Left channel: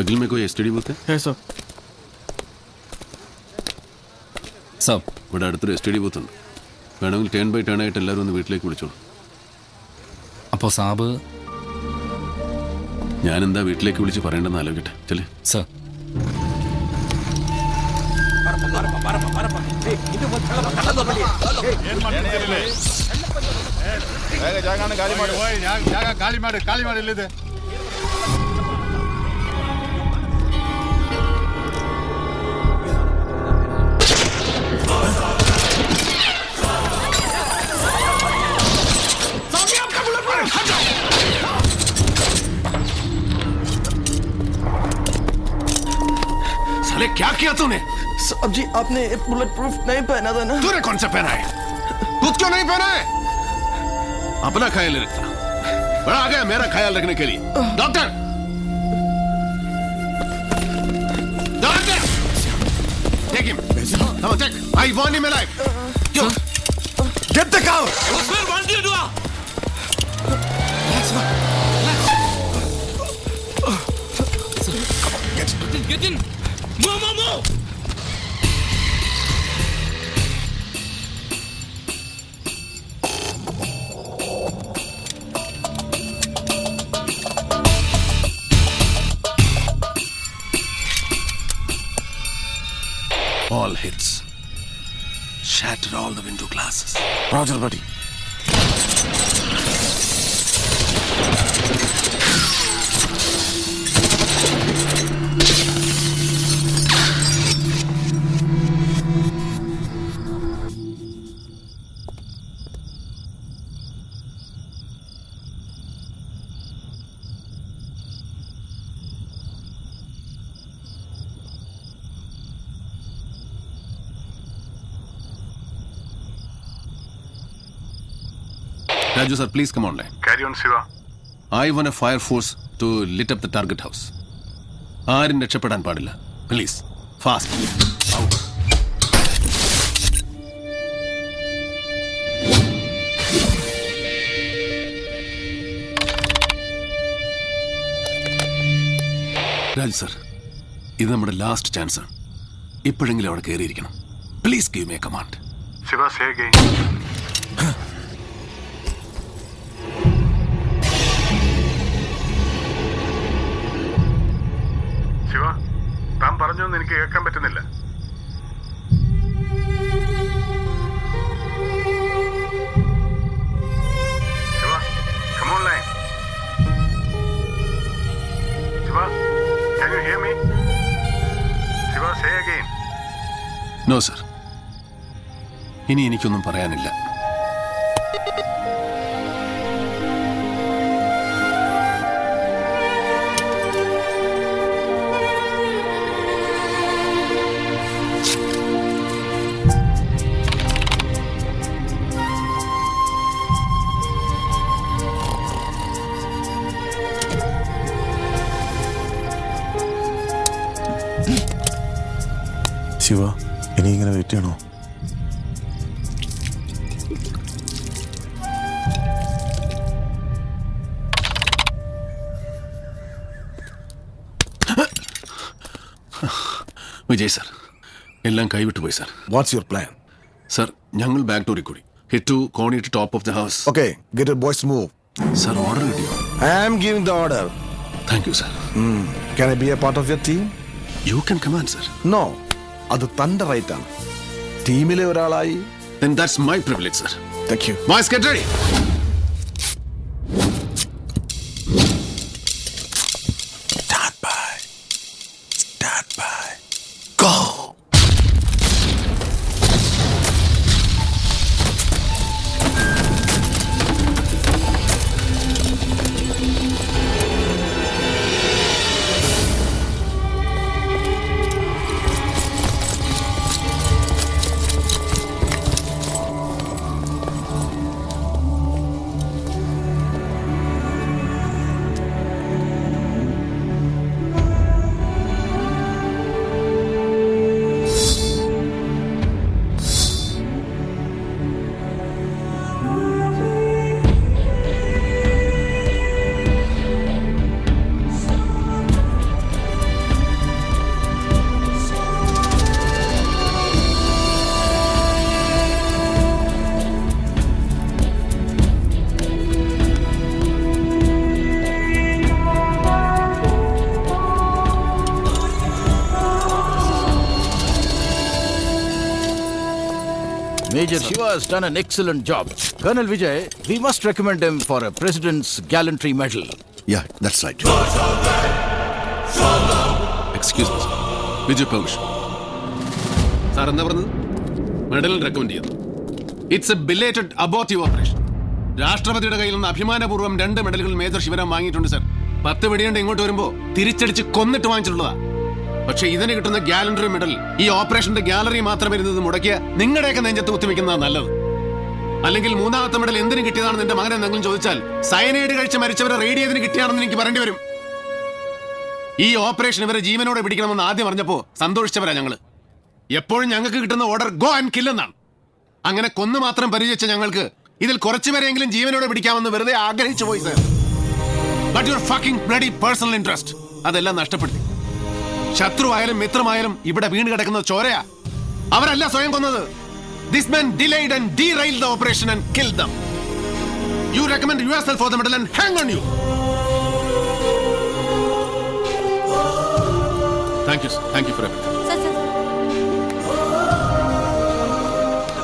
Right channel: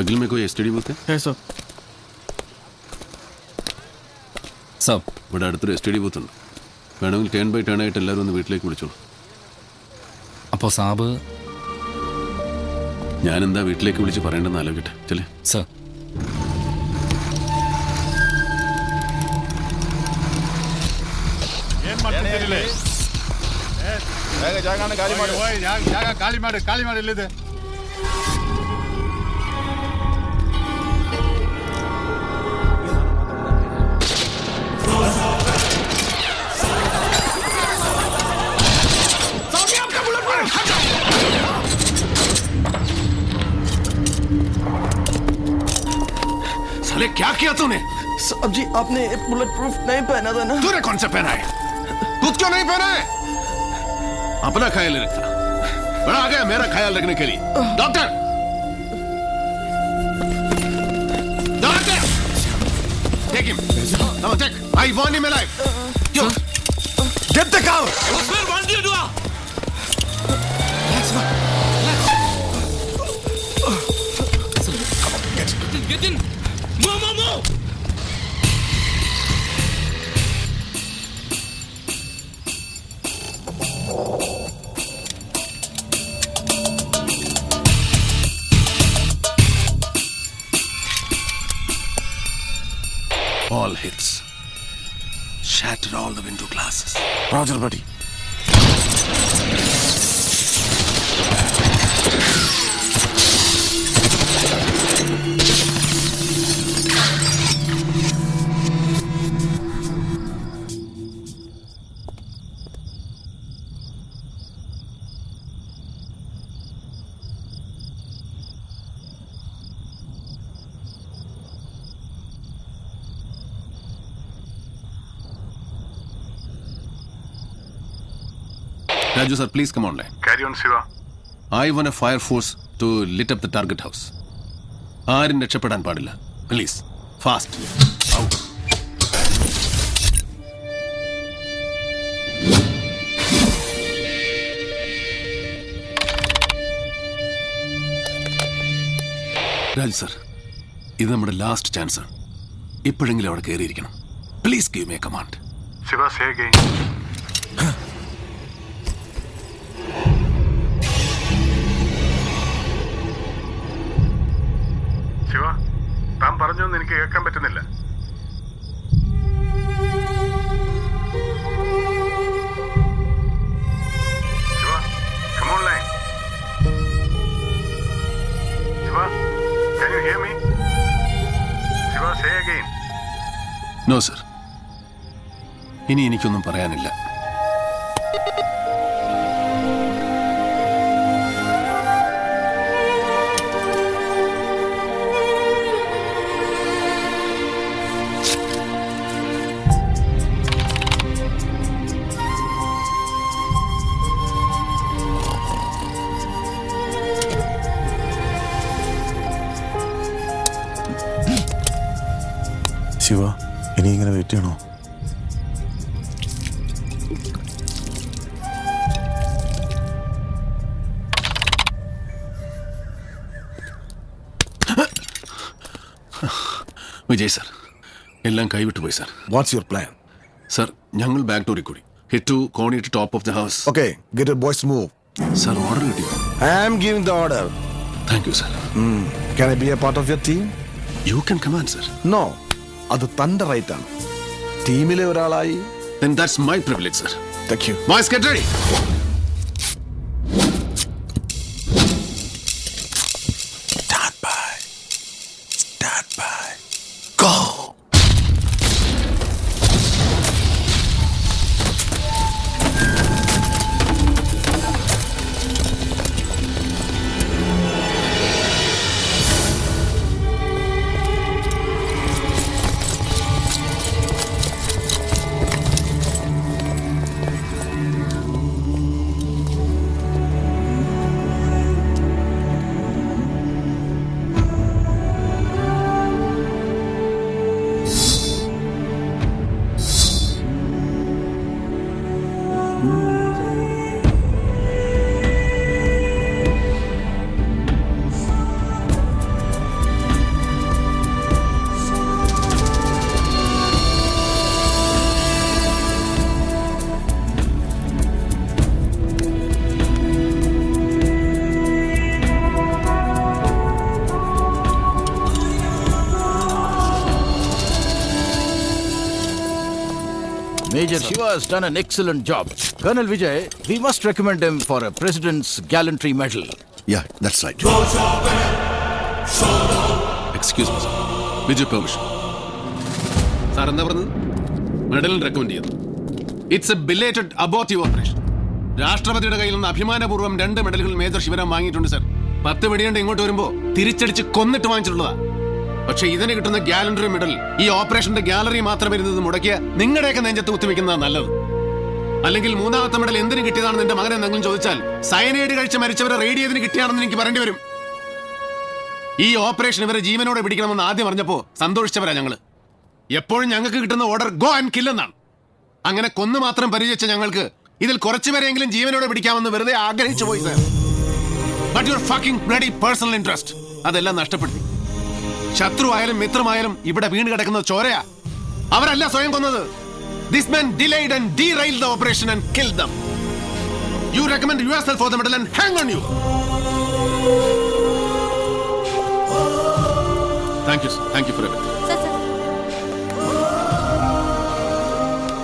बगल में कोई एसटीडी बूथ है सर സർ ഇവിടെ അടുത്തൊരു എസ് ടി ഡി ബൂത്ത് ഉണ്ട്. വേണമെങ്കിൽ ടേൺ ബൈ ടേൺ ആയിട്ട് എല്ലാവരും ഒന്ന് വീട്ടിലേക്ക് വിളിച്ചോളൂ. അപ്പോൾ സാബ് ഞാനെന്താ വീട്ടിലേക്ക് വിളിച്ച് പറയേണ്ടെന്ന് ആലോചിക്കട്ടെ. ചെല്ലേ സർ. साले क्या किया तूने? साहब जी आपने बुलेट प्रूफ नहीं पहना था ना. तूने कौन सा पहना है? तू क्यों नहीं पहना है? अपना ख्याल रखता. बड़ा आ गया मेरा ख्याल रखने के लिए. Doctor doctor take him. Come on, take. I want him alive. Get the cow. Osman, what did you do? Relax, man. Come on, Get in. Move. All hits. Shatter all the window glasses. Roger, buddy. Raju sir, please come online. Carry on, Siva. I want a fire force to lit up the target house. ആരും രക്ഷപ്പെടാൻ പാടില്ല. Please, fast. Out. Raju sir, ഇത് നമ്മുടെ last chance ആണ്. ഇപ്പോഴെങ്കിലും അവിടെ കയറിയിരിക്കണം. Please give me a command. Siva, say again. Siva, താൻ പറഞ്ഞൊന്നും എനിക്ക് കേൾക്കാൻ പറ്റുന്നില്ല. Siva, come online. Siva, can you hear me? Siva, say again. No sir, ഇനി എനിക്കൊന്നും പറയാനില്ല. ശിവ, ഇനി ഇങ്ങനെ വെയിറ്റ് ചെയ്യണോ? വിജയ് സർ, എല്ലാം കൈവിട്ടു പോയി sir. What's your plan? Sir, ഞങ്ങൾ ബാക്ക് ഡോറിൽ കൂടി ഹിറ്റ് ടു കോണി to top of the house. Okay, get your boys move. Sir, order കിട്ടിയോ? I am giving the order. Thank you sir. Can I be a part of your team? You can command sir. No, അത് തന്റെ right ആണ്. ടീമിലെ ഒരാളായി. Then that's my privilege, sir. Thank you. Boys, get ready. Stand by. Stand by. Go. Major Shiva has done an excellent job. Colonel Vijay, we must recommend him for a President's Gallantry Medal. Yeah, that's right. Excuse me sir with your permission. Sir എന്താ പറഞ്ഞത്? മെഡലിന് recommend ചെയ്യുന്നു. It's A belated abortive operation. രാഷ്ട്രപതിയുടെ കയ്യിൽ നിന്ന് അഭിമാനപൂർവ്വം 2 മെഡലുകൾ major Shivaram വാങ്ങിയിട്ടുണ്ട് sir. 10 വെടിയുണ്ട് ഇങ്ങോട്ട് വരുമ്പോ തിരിച്ചടിച്ച് കൊന്നിട്ട് വാങ്ങിച്ചിട്ടുള്ളതാ. പക്ഷെ ഇതിന് കിട്ടുന്ന ഗാലണ്ടറി മെഡൽ ഈ ഓപ്പറേഷന്റെ ഗാലറി മാത്രം വരുന്നത് മുടക്കിയ നിങ്ങളുടെയൊക്കെ നെഞ്ചത്ത് കുത്തിവെക്കുന്നതാണ് നല്ലത്. അല്ലെങ്കിൽ 3ാമത്തെ മെഡൽ എന്തിനു കിട്ടിയതാണെന്ന് എന്റെ മകൻ എന്തെങ്കിലും ചോദിച്ചാൽ സയനൈഡ് കഴിച്ച് മരിച്ചവരെ റേഡിയതിന് കിട്ടിയാണെന്ന് എനിക്ക് പറയേണ്ടി വരും. ഈ ഓപ്പറേഷൻ ഇവരെ ജീവനോടെ പിടിക്കണമെന്ന് ആദ്യം പറഞ്ഞപ്പോ സന്തോഷിച്ചവരാ ഞങ്ങള്. എപ്പോഴും ഞങ്ങൾക്ക് കിട്ടുന്ന ഓർഡർ ഗോ ആൻഡ് കിൽ എന്നാണ്. അങ്ങനെ കൊന്നു മാത്രം പരിചയിച്ച ഞങ്ങൾക്ക് ഇതിൽ കുറച്ചുപേരെങ്കിലും ജീവനോടെ പിടിക്കാമെന്ന് വെറുതെ ആഗ്രഹിച്ചു പോയി sir. But your fucking bloody personal interest അതെല്ലാം നഷ്ടപ്പെടുത്തി. ശത്രുവായാലും മിത്രമായാലും ഇവിടെ വീണ് കിടക്കുന്നത് ചോരയാ. അവരല്ല സ്വയം കൊന്നത്. This man delayed and derailed the operation and killed them. You recommend yourself for the medal and hang on you. Thank you, sir. Thank you for everything. Sir.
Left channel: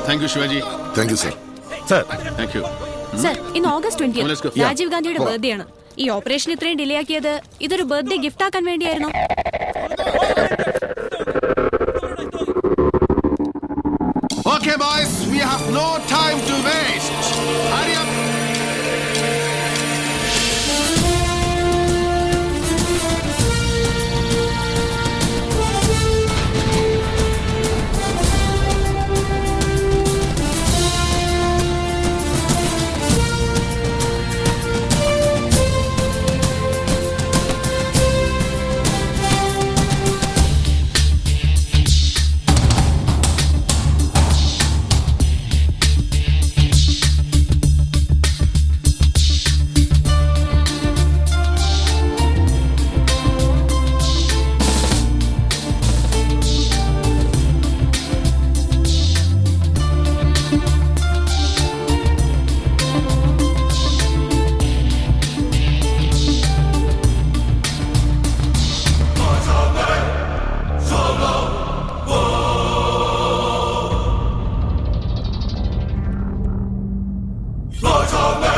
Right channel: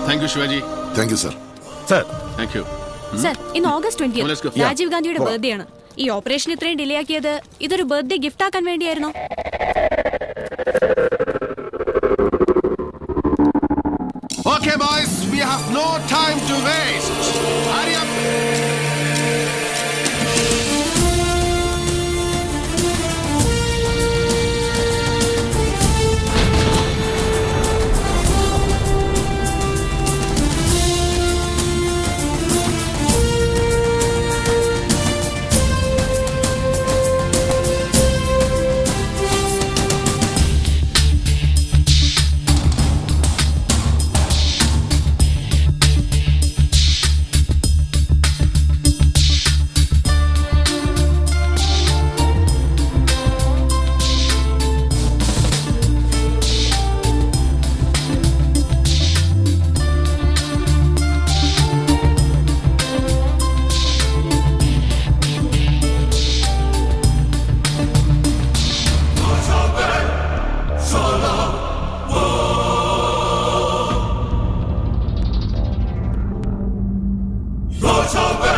Thank you, Shivaji. Thank you, sir. Sir, Thank you. Sir ഇന്ന് August Let's go. 20 Rajeev ഗാന്ധിയുടെ birthday ആണ്. ഈ operation ഇത്രയും delay ആക്കിയത് ഇതൊരു birthday gift ആക്കാൻ വേണ്ടിയായിരുന്നു. Okay, boys, we have no time to waste. Hurry up. Soldat!